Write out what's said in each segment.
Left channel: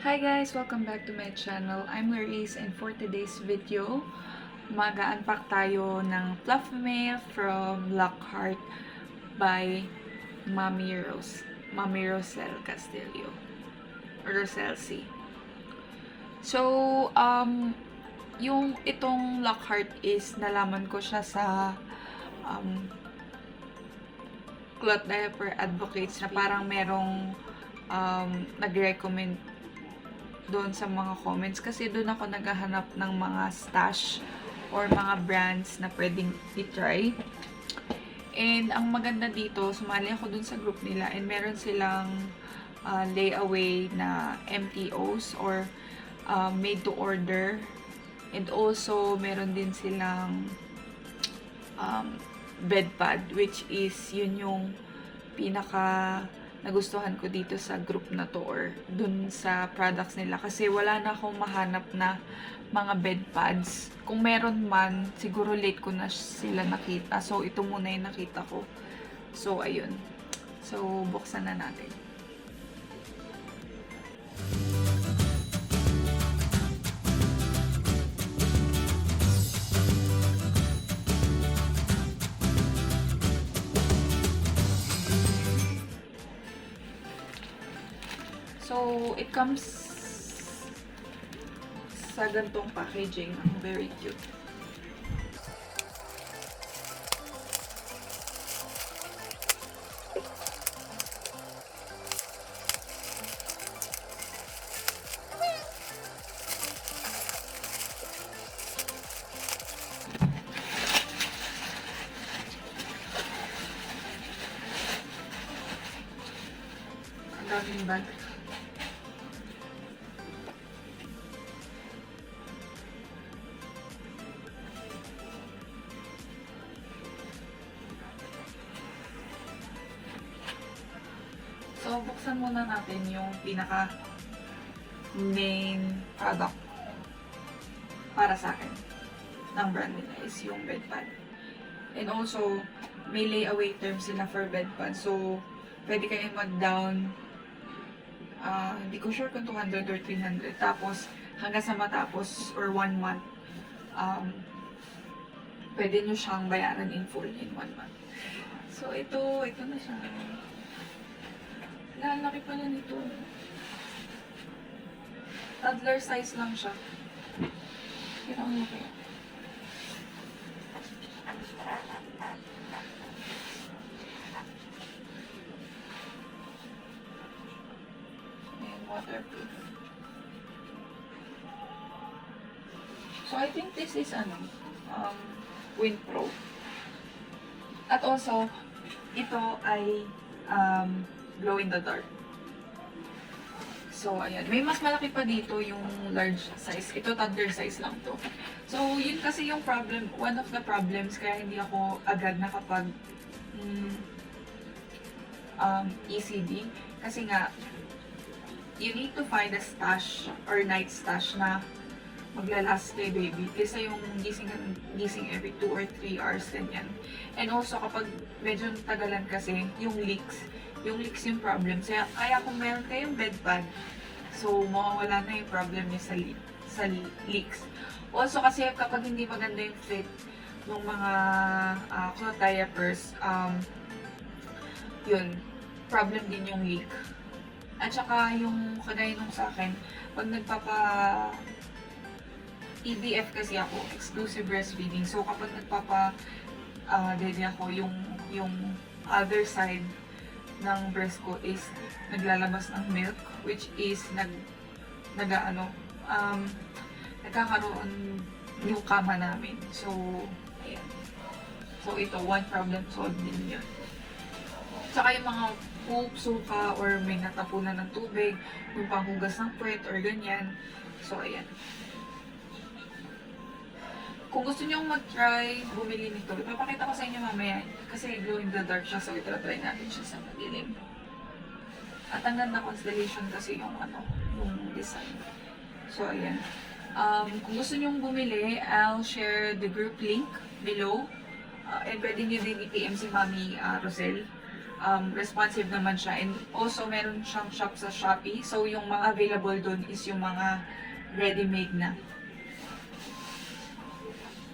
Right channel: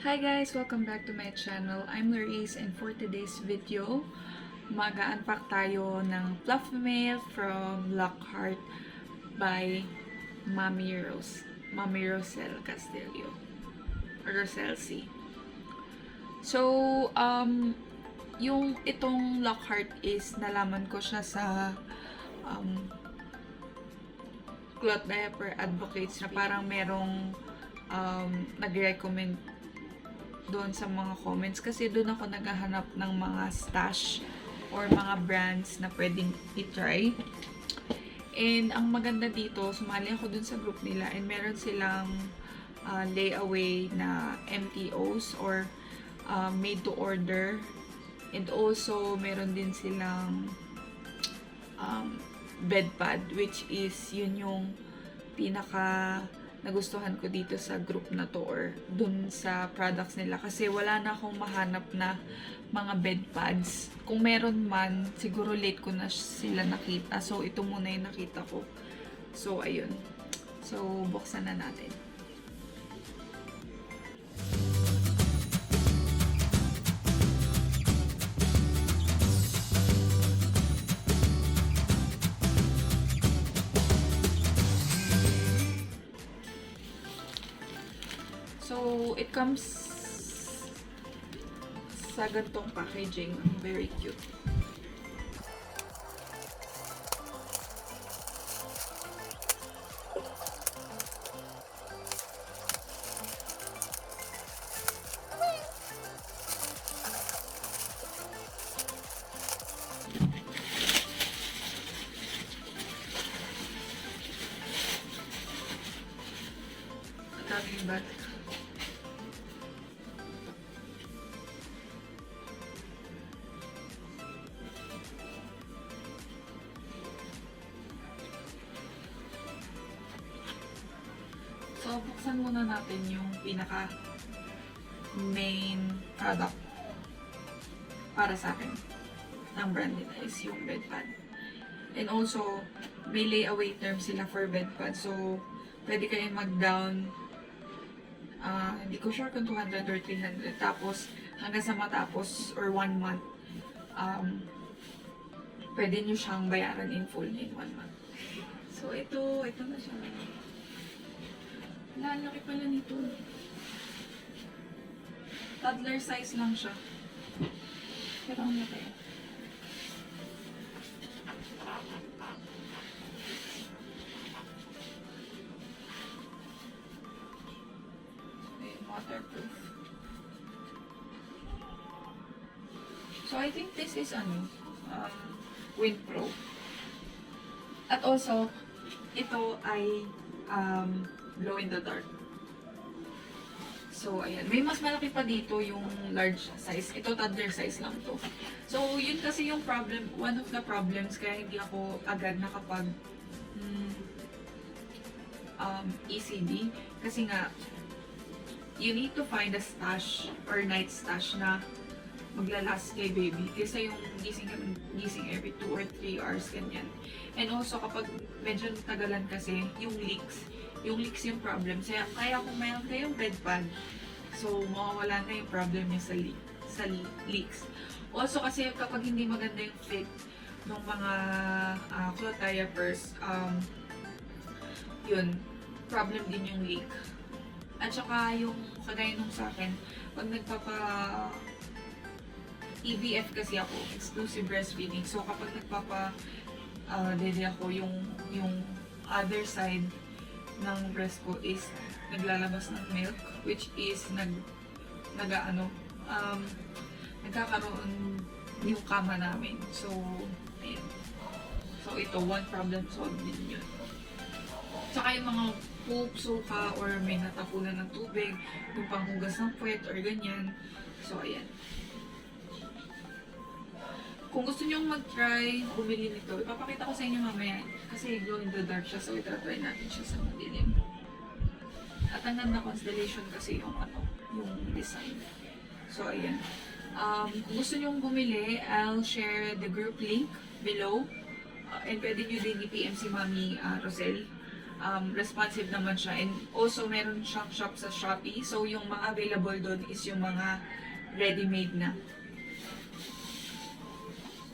Hi guys! Welcome back to my channel. I'm Laris and for today's video, mag-unpack tayo ng Flullfmail from LockHeart by Mami Rosel Castillo or Rosel C. So, yung itong LockHeart is nalaman ko siya sa cloth diaper advocates na parang merong nag-recommend doon sa mga comments kasi doon ako naghahanap ng mga stash or mga brands na pwedeng i-try. And ang maganda dito, sumali ako doon sa group nila and meron silang layaway na MTOs or made to order. And also meron din silang bedpad, which is yun yung pinaka nagustuhan ko dito sa group na to or dun sa products nila kasi wala na akong mahanap na mga bedpads. Kung meron man, siguro late ko na sila nakita. So, ito muna yung nakita ko. So, ayun. So, buksan na natin. So, it comes sa gantong packaging. Very cute. Ang daming bag. So, buksan muna natin yung pinaka main product para sa akin ng brand nila is yung bedpad. And also, may layaway term sila for bedpad. So, pwede kayo mag-down, hindi ko sure kung 200 or 300. Tapos, hanggang sa matapos or 1 month, pwede nyo siyang bayaran in full in 1 month. So, ito na siya. Lalaki pala nito. Toddler size lang siya. Pero ang laki. Ayan, waterproof. So, I think this is Windpro. At also, ito ay glow in the dark. So, ayan. May mas malaki pa dito yung large size. Ito, toddler size lang to. So, yun kasi yung problem, one of the problems kaya hindi ako agad nakapag ECD. Kasi nga, you need to find a stash or night stash na maglalast kay baby. Kasi yung gising every 2 or 3 hours, ganyan. And also, kapag medyo tagalan kasi, yung leaks yung problem. Kaya kung meron kayong bedpad, so mawawala na yung problem niya sa leaks. Also kasi kapag hindi maganda yung fit ng mga cloth diapers, yun, problem din yung leak. At saka yung kagaya nung sa akin, pag EBF kasi ako, exclusive breastfeeding. So kapag dede ako, yung other side ng breast ko is naglalabas ng milk, which is nagkakaroon yung kama namin. So, ayan. So, ito, one problem solved din yun. Tsaka yung mga poop, sofa, or may natapunan ng tubig, yung panghugas ng puwet, or ganyan. So, ayan. Kung gusto nyo mag-try, bumili nito. Ipapakita ko sa inyo mamaya. Kasi glow in the dark siya, so ito-try natin siya sa madilim. At ang ganda constellation kasi yung design. So, ayan. Kung gusto nyo bumili, I'll share the group link below. And pwede nyo din i-PM si Mami Rosel responsive naman siya. And also, meron siyang shop sa Shopee. So, yung mga available doon is yung mga ready-made na.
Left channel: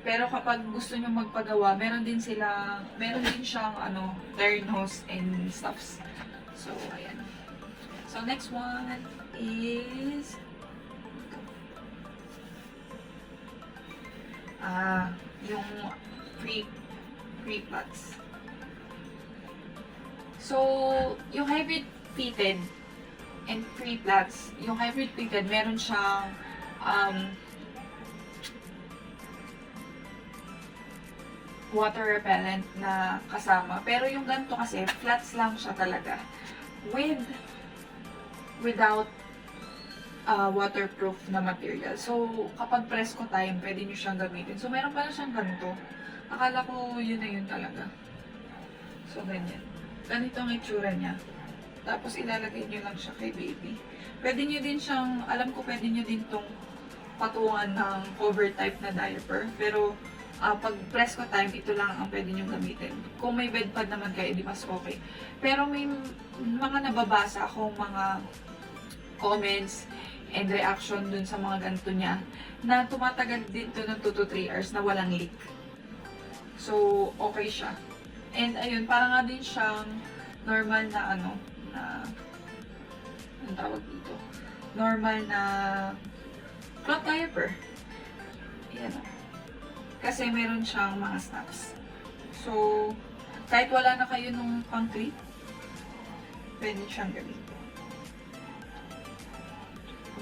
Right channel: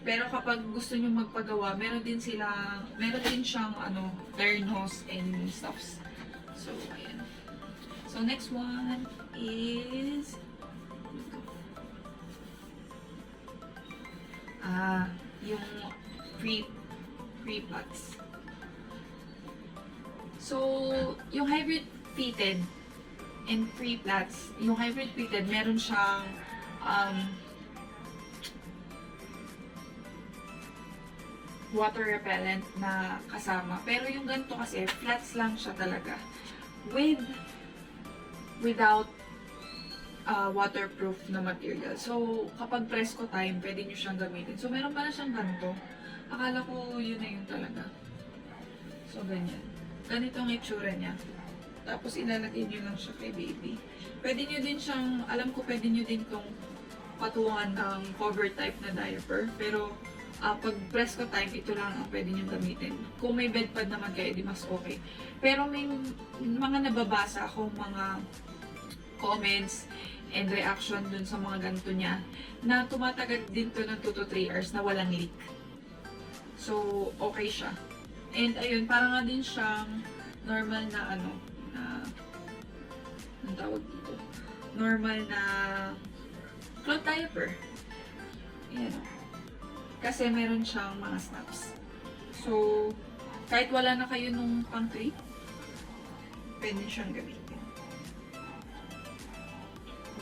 Pero kapag gusto nyo magpagawa, meron din siyang ternos and stuffs. So, ayan. So, next one is yung preflats. So, yung hybrid fitted and preflats, yung hybrid fitted, meron siyang water repellent na kasama. Pero yung ganito kasi, flats lang siya talaga. Without waterproof na material. So, kapag presko time, pwede nyo siyang gamitin. So, meron pala siyang ganito. Akala ko yun na yun talaga. So, ganyan. Ganito ang itsura niya. Tapos, ilalagay nyo lang siya kay baby. Pwede nyo din siyang, alam ko pwede nyo din tong patungan ng cover type na diaper. Pero, pag presko time, ito lang ang pwede nyo gamitin. Kung may bedpad naman kayo, di mas okay. Pero may mga nababasa akong mga comments and reaction dun sa mga ganito niya na tumatagal din to ng 2 to 3 hours na walang leak. So, okay siya. And ayun, para nga din siyang normal na ang tawag dito? Normal na cloth diaper. Ayan o. Kasi meron siyang mga snaps. So, kahit wala na kayo nung pang-clip, pwede siyang gamitin.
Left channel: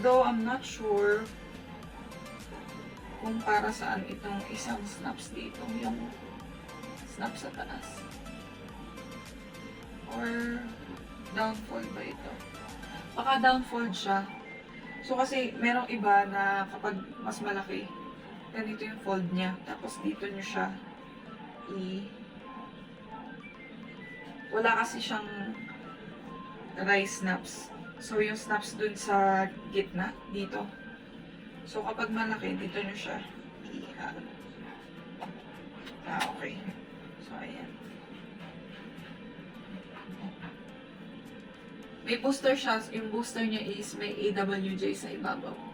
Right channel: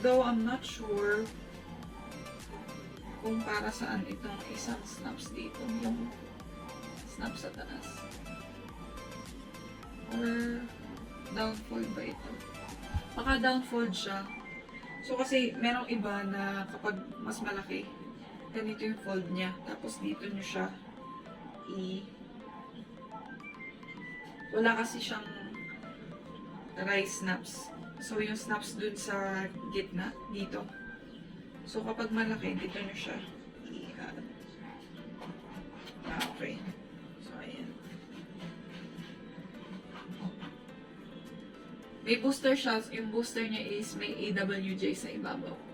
Though, I'm not sure kung para saan itong isang snaps dito. Yung snaps sa taas. Or, downfold ba ito? Baka downfold siya. So, kasi merong iba na kapag mas malaki, ganito yung fold niya. Tapos dito nyo siya wala kasi siyang dry snaps. So yung snaps dun sa gitna, dito. So kapag malaki, dito nyo siya okay. So ayan. May booster siya. Yung booster niya is may AWJ sa ibabaw.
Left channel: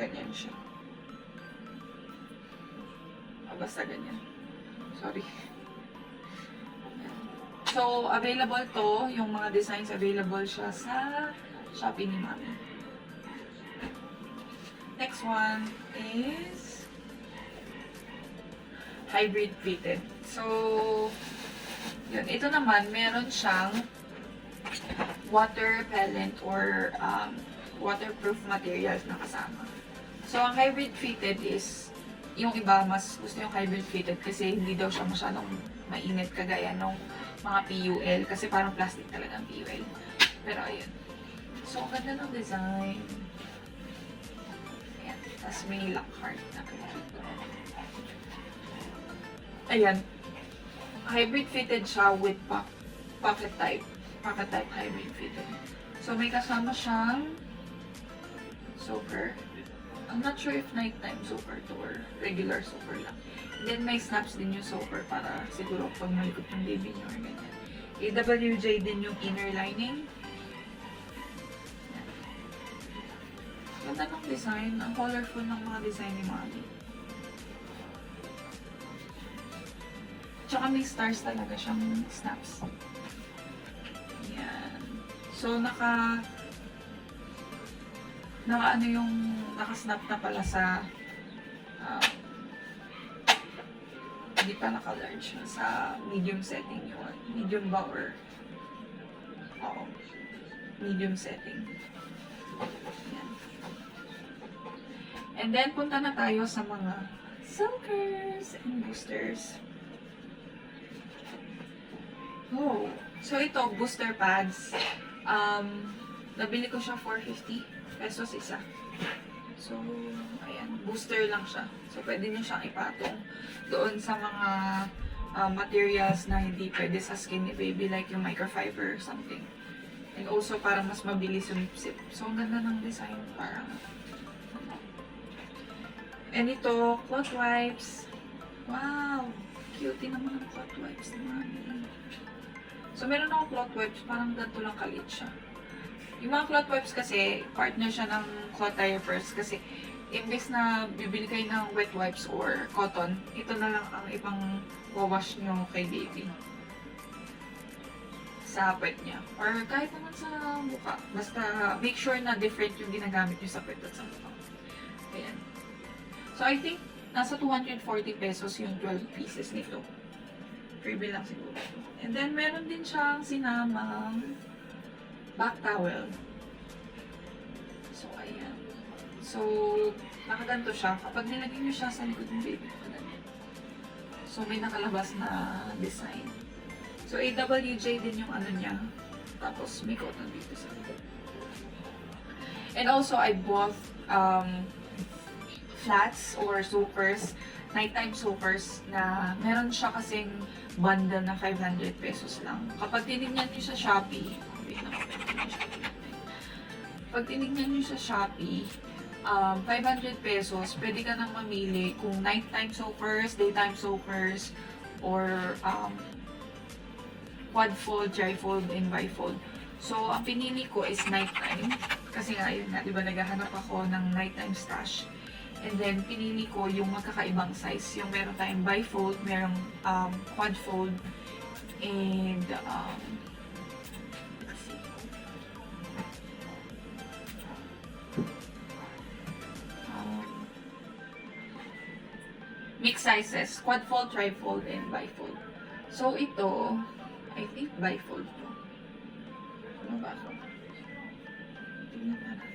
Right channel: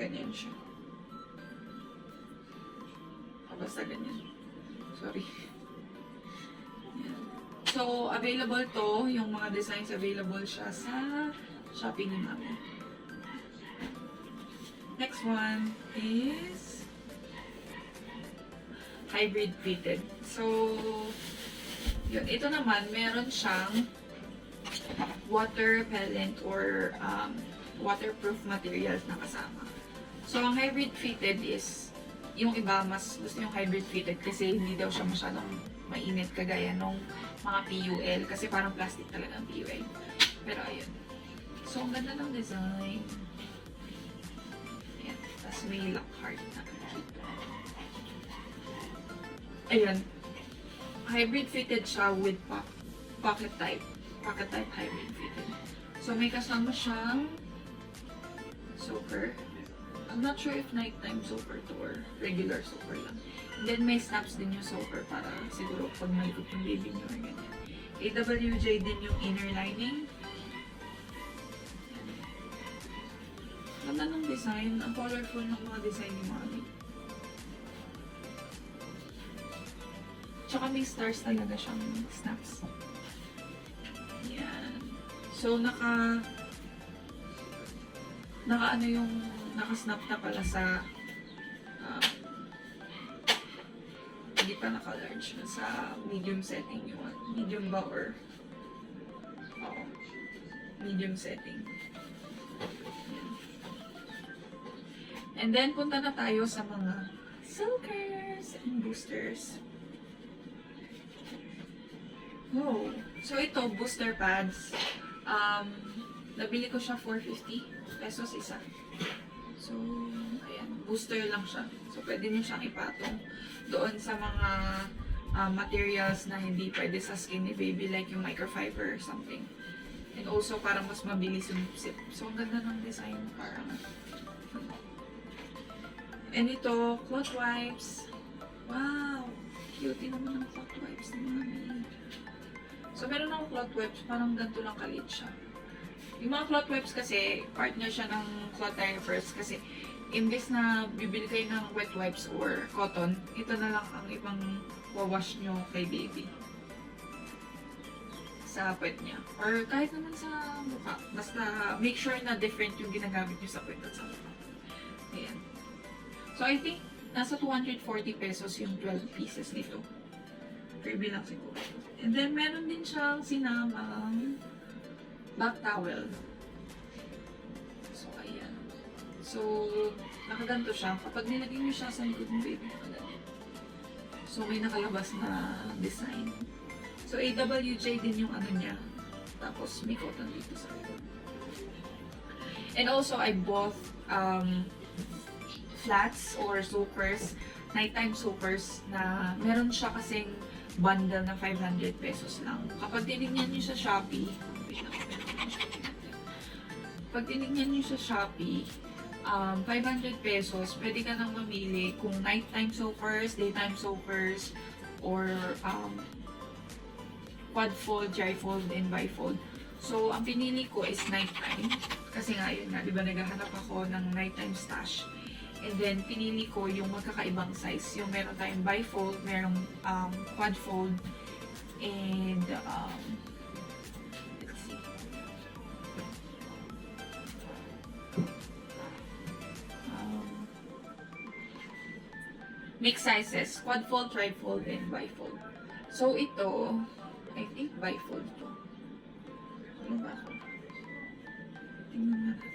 Ganyan siya. Basta ganyan. Sorry. Ayan. So, available to. Yung mga designs available siya sa Shopee ni Mami. Next one is hybrid fitted. So, yun. Ito naman, meron siyang water repellent or waterproof materials na kasama. So, ang hybrid fitted is, yung iba mas gusto yung hybrid fitted kasi hindi daw siya masyadong mainit kagaya ng mga PUL kasi parang plastic talaga ang PUL. Pero ayun. So, ang ganda ng design. Ayan. Tapos may LockHeart na. Ayan. Hybrid fitted siya with pocket type. Pocket type hybrid fitted. So, may kasama siyang soaker. I'm not sure if nighttime soaker to or regular soaker lang. Then may snaps din yung soaker para siguro pag malikot yung baby niyo or ganyan. AWJ din yung inner lining. Yan. Ganda ng design. Ang colorful ng mga design ni Mami. Tsaka may stars talaga siyang snaps. Yan. So naka-snap na pala sa hindi pa naka-large na sa medium setting yung medium ba or medium setting. Ayan. And then punta na tayo sa mga soakers and boosters. So ito booster pads. Nabili ko siya 450 pesos isa. So, ayan, booster lang siya. So, pwede nyo siyang ipatong doon sa mga materials na hindi pwede sa skin ni baby, like yung microfiber or something. And also, parang mas mabilis yung sip. So, ang ganda ng design. Parang, And ito, cloth wipes. Wow! Cute naman ng cloth wipes ni Mami. So, meron akong cloth wipes. Parang ganito lang kalit siya. Yung mga cloth wipes kasi, part na siya ng cloth diapers. Kasi, imbes na bibili kayo ng wet wipes or cotton, ito na lang ang ibang wawash nyo kay baby. Sa puwet niya. Or kahit naman sa mukha. Basta make sure na different yung ginagamit nyo sa puwet at sa mukha. Ayan. So I think nasa 240 pesos yung 12 pieces nito. Freebie lang siguro. And then meron din siyang sinamang back towel. So ayan. So nakaganto siya. Kapag nilagay nyo siya sa likod ng baby, ganyan. So may nakalabas na design. So, AWJ din yung ano niya. Tapos, may cotton dito sa likod. And also, I bought flats or soakers, nighttime soakers na meron siya kasing bundle na 500 pesos lang. Kapag tinignan niyo sa Shopee, pag tinignan niyo sa Shopee, 500 pesos, pwede ka nang mamili kung nighttime soakers, daytime soakers, or quad fold, tri-fold, and bifold. So, ang pinili ko is nighttime. Kasi nga, yun nga, diba, naghahanap ako ng nighttime stash. And then, pinili ko yung magkakaibang size. Yung meron tayong bifold, merong quad fold, and let's see. Mixed sizes, quad fold, tri-fold, and bifold. So, ito, I think bifold to. Ano ba ako? Tingnan na natin.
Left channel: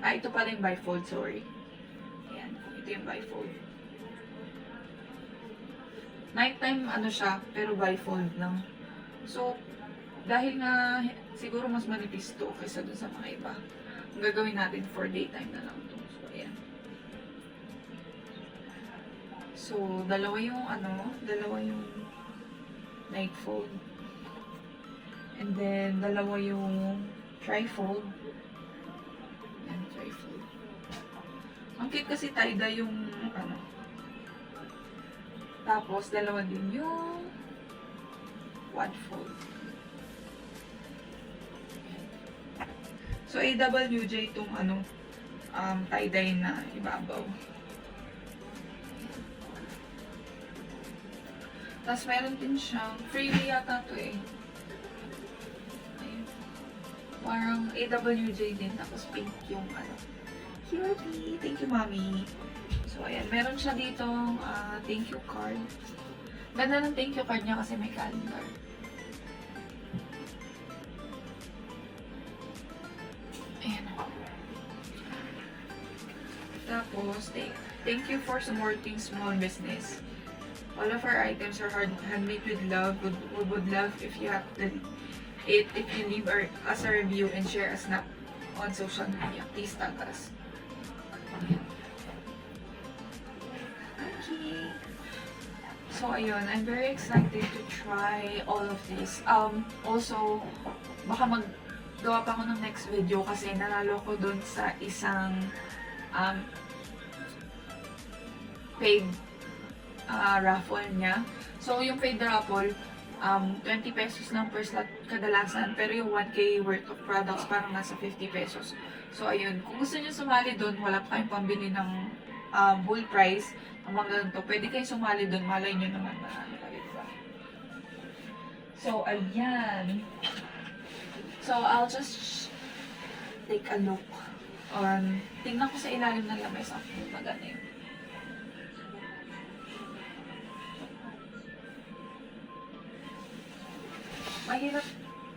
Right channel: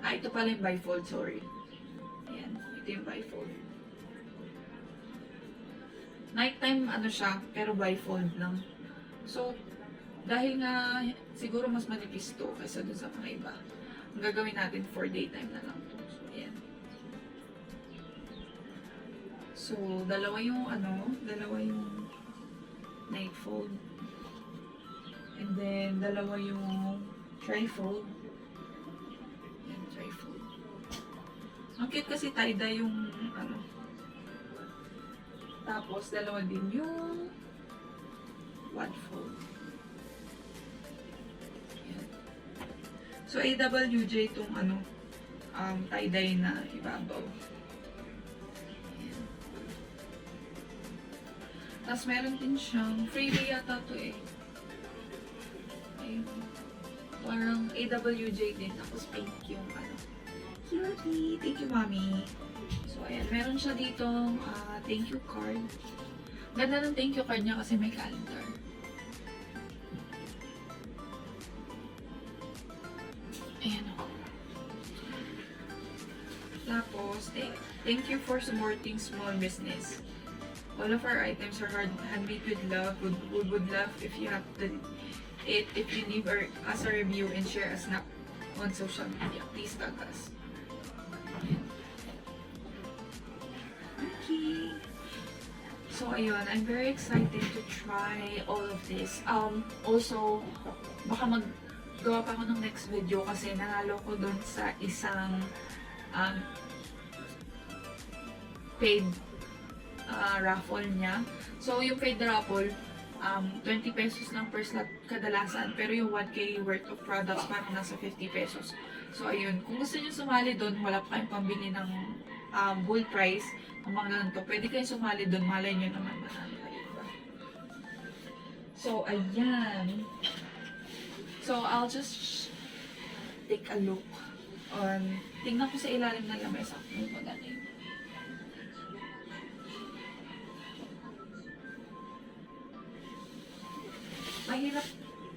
Ito pala yung bifold, sorry. Ayan, ito yung bifold. Nighttime, ano siya, pero bifold lang. So, dahil nga, siguro mas manipis to kaysa dun sa mga iba. Ang gagawin natin for daytime na lang to. So, ayan. So, dalawa yung night fold. And then, dalawa yung tri-fold. Yan, tri-fold. Ang cute kasi tie-dye yung, Tapos, dalawa din yung quad fold. Yan. So, AWJ itong, tie-dye na ibabaw. Tapos meron din siyang freebie yata to eh. Ayun. Parang AWJ din. Tapos pink yung Cutie! Thank you, Mommy! So, ayan. Meron siya dito thank you card. Ganda ng thank you card niya kasi may calendar. Ayan. Tapos, thank you for supporting small business. All of our items are handmade with love. We would love if you have if you leave us a review and share a snap on social media. Please tag us. Okay. So ayun, I'm very excited to try all of this. Also, baka maggawa pa ako ng next video kasi nanalo ko dun sa isang paid raffle niya. So, yung paid raffle, 20 pesos lang per slot kadalasan. Pero yung 1K worth of products, parang nasa 50 pesos. So, ayun. Kung gusto niyo sumali doon, wala pa kayong pambili ng full price, ng mga ganito, pwede kayong sumali doon. Malay nyo naman marami kayo, diba? So, ayan. So, I'll just take a look on, tingnan ko sa ilalim ng lamesa kung maganda yun. Mahirap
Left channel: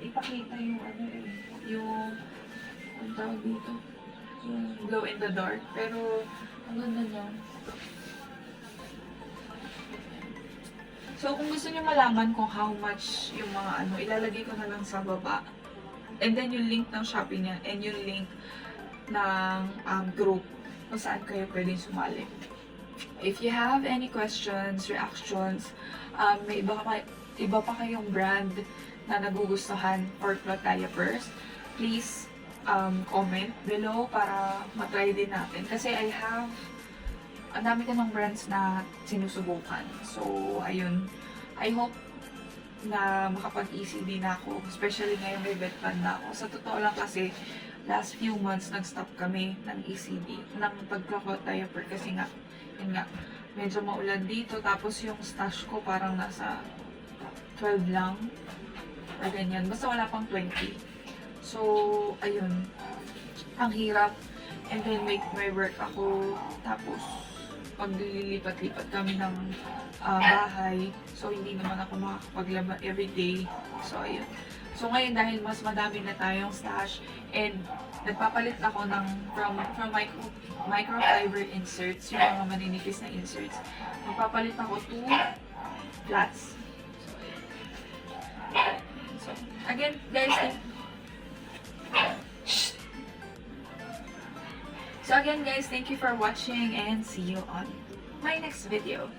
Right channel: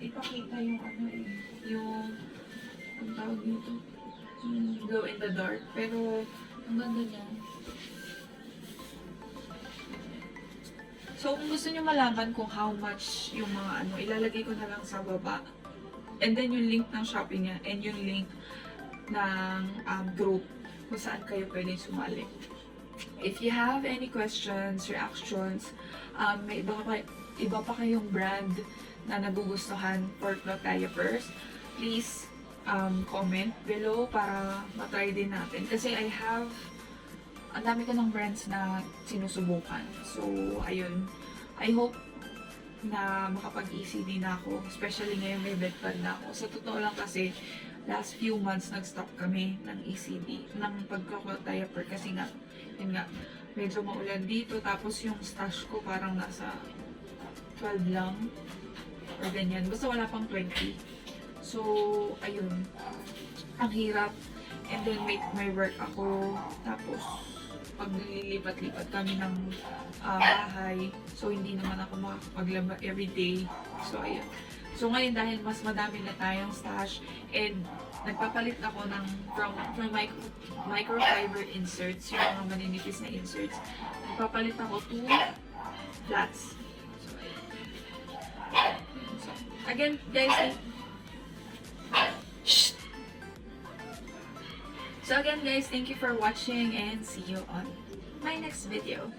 ipakita yung ang tawag dito, yung glow in the dark. Pero, ang ganda niya. So, kung gusto niyo malaman kung how much yung mga ilalagay ko na lang sa baba. And then yung link ng Shopee niya and yung link ng group kung saan kayo pwedeng sumali. If you have any questions, reactions, may iba pa kayong brand na nagugustuhan for cloth diapers, please comment below para matry din natin. Kasi ang dami ko ng brands na sinusubukan. So, ayun. I hope na makapag-ECD na ako. Especially ngayon may bedpad na ako. Sa totoo lang kasi, last few months nag-stop kami ng ECD, ng pag-cloth diaper. Kasi nga, yun nga, medyo maulan dito. Tapos yung stash ko parang nasa 12 lang. Or ganyan. Basta wala pang 20. So, ayun. Ang hirap. And then, may work ako. Tapos, paglilipat-lipat kami ng bahay. So, hindi naman ako makakapaglaba everyday. So, ayun. So, ngayon dahil mas madami na tayong stash and nagpapalit ako ng from microfiber inserts, yung mga maninipis na inserts. Nagpapalit ako to flats. So, ayun. So, again, guys, So again guys, thank you for watching and see you on my next video.